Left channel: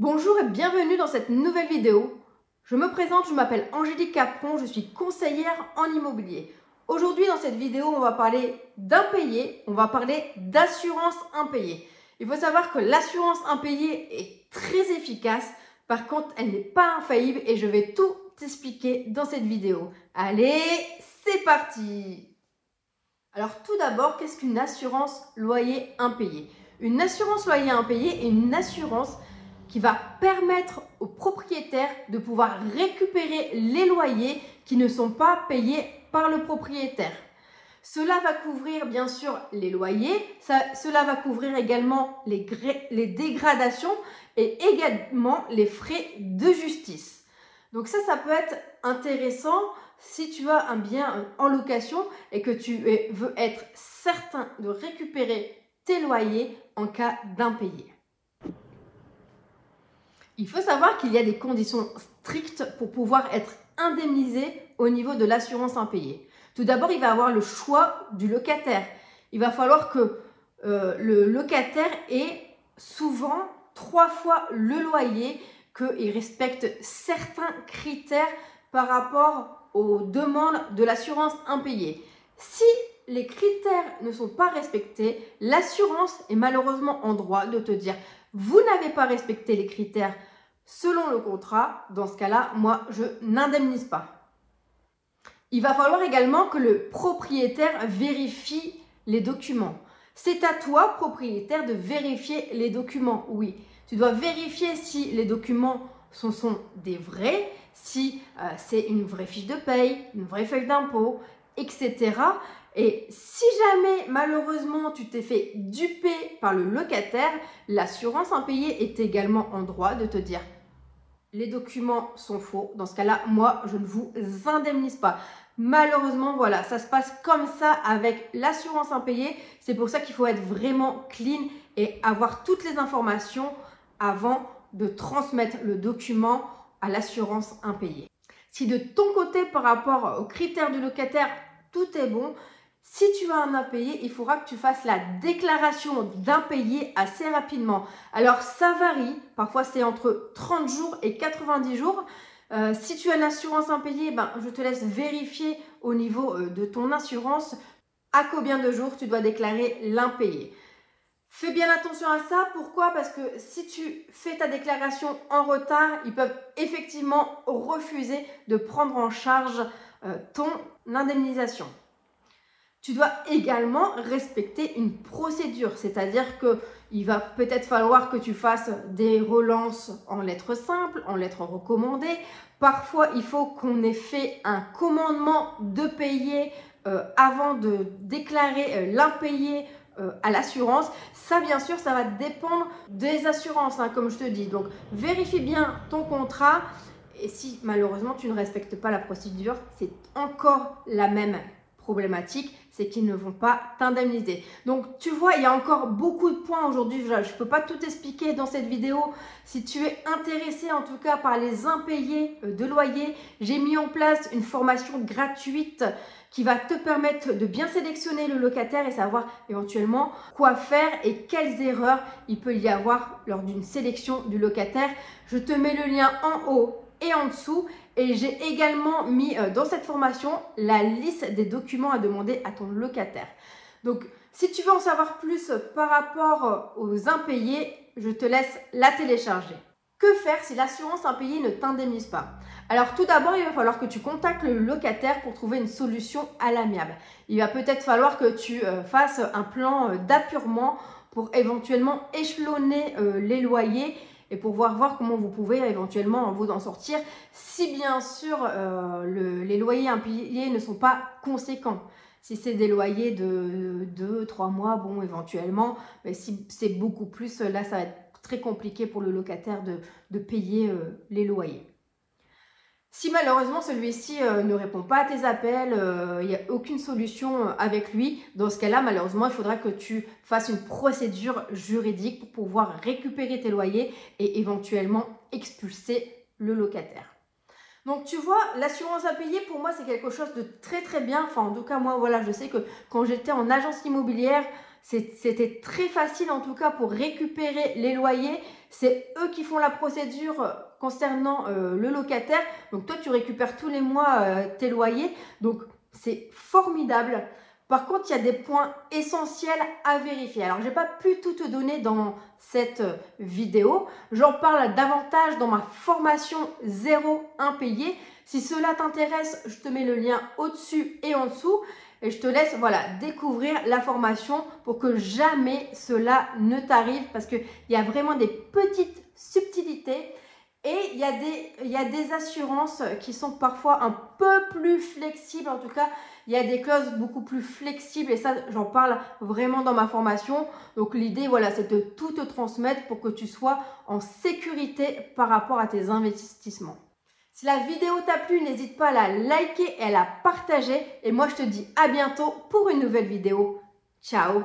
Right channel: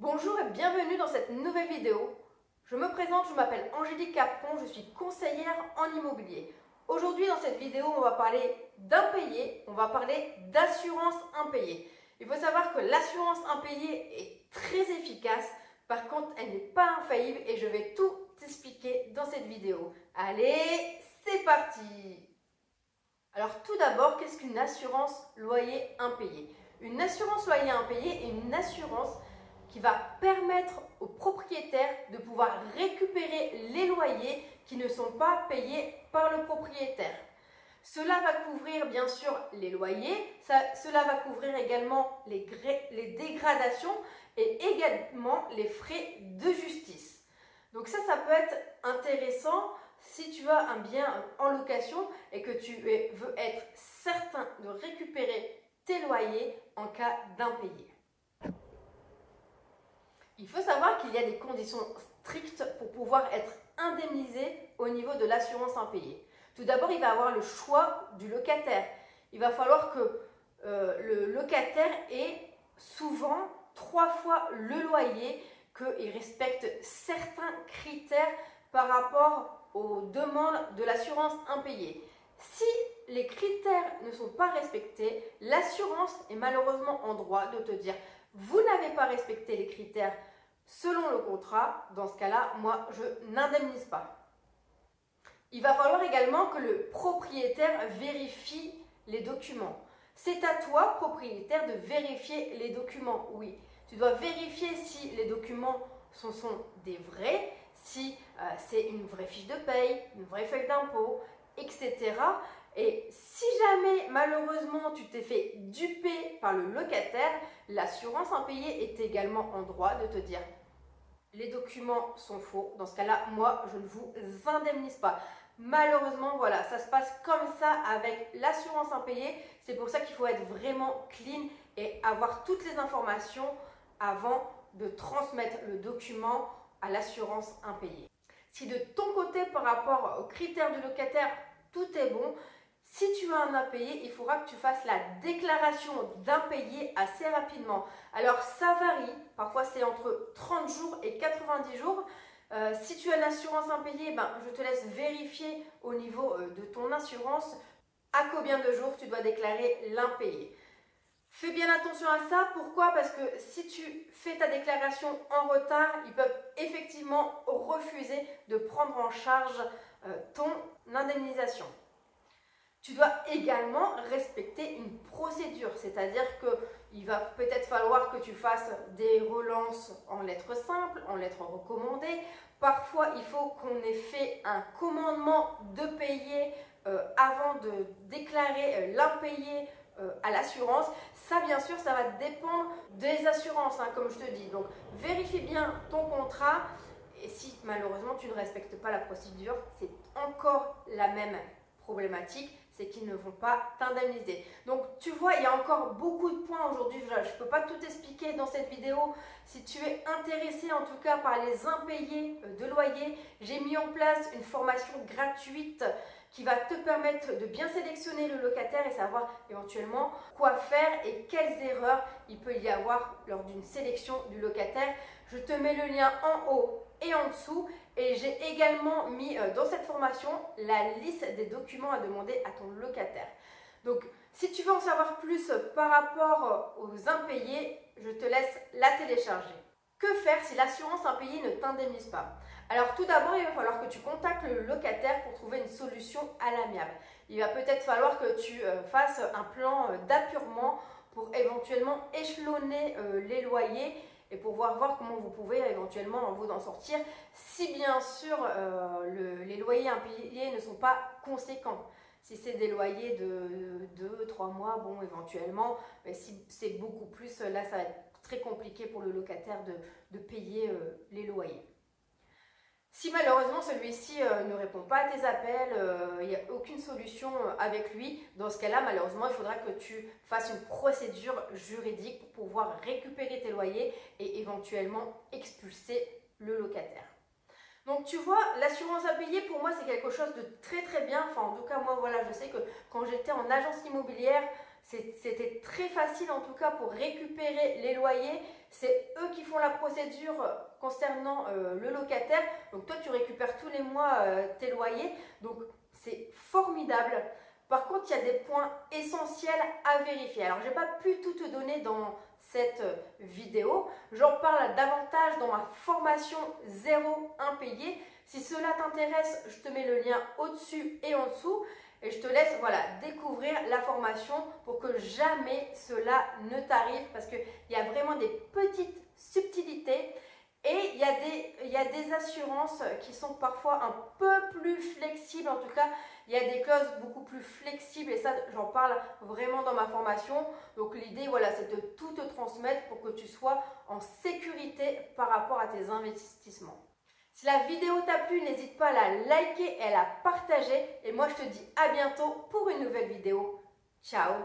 Bonjour et bienvenue dans cette nouvelle vidéo. Je me présente, je m'appelle Angélique Capron, je suis conseillère en immobilier. Aujourd'hui dans cette vidéo, on va parler d'impayé, on va parler d'assurance impayée. Il faut savoir que l'assurance impayée est très efficace, par contre elle n'est pas infaillible et je vais tout expliquer dans cette vidéo. Allez, c'est parti! Alors tout d'abord, qu'est-ce qu'une assurance loyer impayé? Une assurance loyer impayé est une assurance qui va permettre aux propriétaires de pouvoir récupérer les loyers qui ne sont pas payés par le propriétaire. Cela va couvrir bien sûr les loyers, cela va couvrir également les dégradations et également les frais de justice. Donc ça peut être intéressant si tu as un bien en location et que tu veux être certain de récupérer tes loyers en cas d'impayé. Il faut savoir qu'il y a des conditions strictes pour pouvoir être indemnisé au niveau de l'assurance impayée. Tout d'abord, il va avoir le choix du locataire. Il va falloir que le locataire ait souvent 3 fois le loyer, qu'il respecte certains critères par rapport aux demandes de l'assurance impayée. Si les critères ne sont pas respectés, l'assurance est malheureusement en droit de te dire « vous n'avez pas respecté les critères selon le contrat, dans ce cas-là, moi, je n'indemnise pas ». Il va falloir également que le propriétaire vérifie les documents. C'est à toi, propriétaire, de vérifier les documents, oui. Tu dois vérifier si les documents sont des vrais, si c'est une vraie fiche de paye, une vraie feuille d'impôt, etc. Et si jamais, malheureusement, tu t'es fait duper par le locataire, l'assurance impayée est également en droit de te dire les documents sont faux. Dans ce cas-là, moi, je ne vous indemnise pas. Malheureusement, voilà, ça se passe comme ça avec l'assurance impayée. C'est pour ça qu'il faut être vraiment clean et avoir toutes les informations avant de transmettre le document à l'assurance impayée. Si de ton côté, par rapport aux critères du locataire, tout est bon, si tu as un impayé, il faudra que tu fasses la déclaration d'impayé assez rapidement. Alors, ça varie. Parfois, c'est entre 30 jours et 90 jours. Si tu as une assurance impayée, je te laisse vérifier au niveau de ton assurance à combien de jours tu dois déclarer l'impayé. Fais bien attention à ça. Pourquoi? Parce que si tu fais ta déclaration en retard, ils peuvent effectivement refuser de prendre en charge ton indemnisation. Tu dois également respecter une procédure, c'est-à-dire qu'il va peut-être falloir que tu fasses des relances en lettres simples, en lettres recommandées. Parfois, il faut qu'on ait fait un commandement de payer avant de déclarer l'impayé à l'assurance. Ça, bien sûr, ça va dépendre des assurances, comme je te dis. Donc, vérifie bien ton contrat. Et si malheureusement tu ne respectes pas la procédure, c'est encore la même problématique, c'est qu'ils ne vont pas t'indemniser. Donc tu vois, il y a encore beaucoup de points aujourd'hui, je ne peux pas tout expliquer dans cette vidéo. Si tu es intéressé en tout cas par les impayés de loyer, j'ai mis en place une formation gratuite qui va te permettre de bien sélectionner le locataire et savoir éventuellement quoi faire et quelles erreurs il peut y avoir lors d'une sélection du locataire. Je te mets le lien en haut et en dessous. Et j'ai également mis dans cette formation la liste des documents à demander à ton locataire. Donc, si tu veux en savoir plus par rapport aux impayés, je te laisse la télécharger. Que faire si l'assurance impayée ne t'indemnise pas? Alors tout d'abord, il va falloir que tu contactes le locataire pour trouver une solution à l'amiable. Il va peut-être falloir que tu fasses un plan d'apurement pour éventuellement échelonner les loyers et pour voir comment vous pouvez éventuellement vous en sortir si bien sûr les loyers impayés ne sont pas conséquents. Si c'est des loyers de 2-3 mois, bon éventuellement, mais si c'est beaucoup plus, là ça va être très compliqué pour le locataire de payer les loyers. Si malheureusement celui-ci ne répond pas à tes appels, il n'y a aucune solution avec lui, dans ce cas-là, malheureusement, il faudra que tu fasses une procédure juridique pour pouvoir récupérer tes loyers et éventuellement expulser le locataire. Donc tu vois, l'assurance impayée pour moi c'est quelque chose de très très bien. Enfin en tout cas moi voilà, je sais que quand j'étais en agence immobilière, C'était très facile en tout cas pour récupérer les loyers. C'est eux qui font la procédure concernant le locataire. Donc toi, tu récupères tous les mois tes loyers. Donc c'est formidable. Par contre, il y a des points essentiels à vérifier. Alors, je n'ai pas pu tout te donner dans cette vidéo. J'en parle davantage dans ma formation 0 impayé. Si cela t'intéresse, je te mets le lien au-dessus et en dessous. Et je te laisse découvrir la formation pour que jamais cela ne t'arrive. Parce qu'il y a vraiment des petites subtilités. Et il y a des assurances qui sont parfois un peu plus flexibles. En tout cas, il y a des clauses beaucoup plus flexibles et ça, j'en parle vraiment dans ma formation. Donc, l'idée, c'est de tout te transmettre pour que tu sois en sécurité par rapport à tes investissements. Si la vidéo t'a plu, n'hésite pas à la liker et à la partager. Et moi, je te dis à bientôt pour une nouvelle vidéo. Ciao!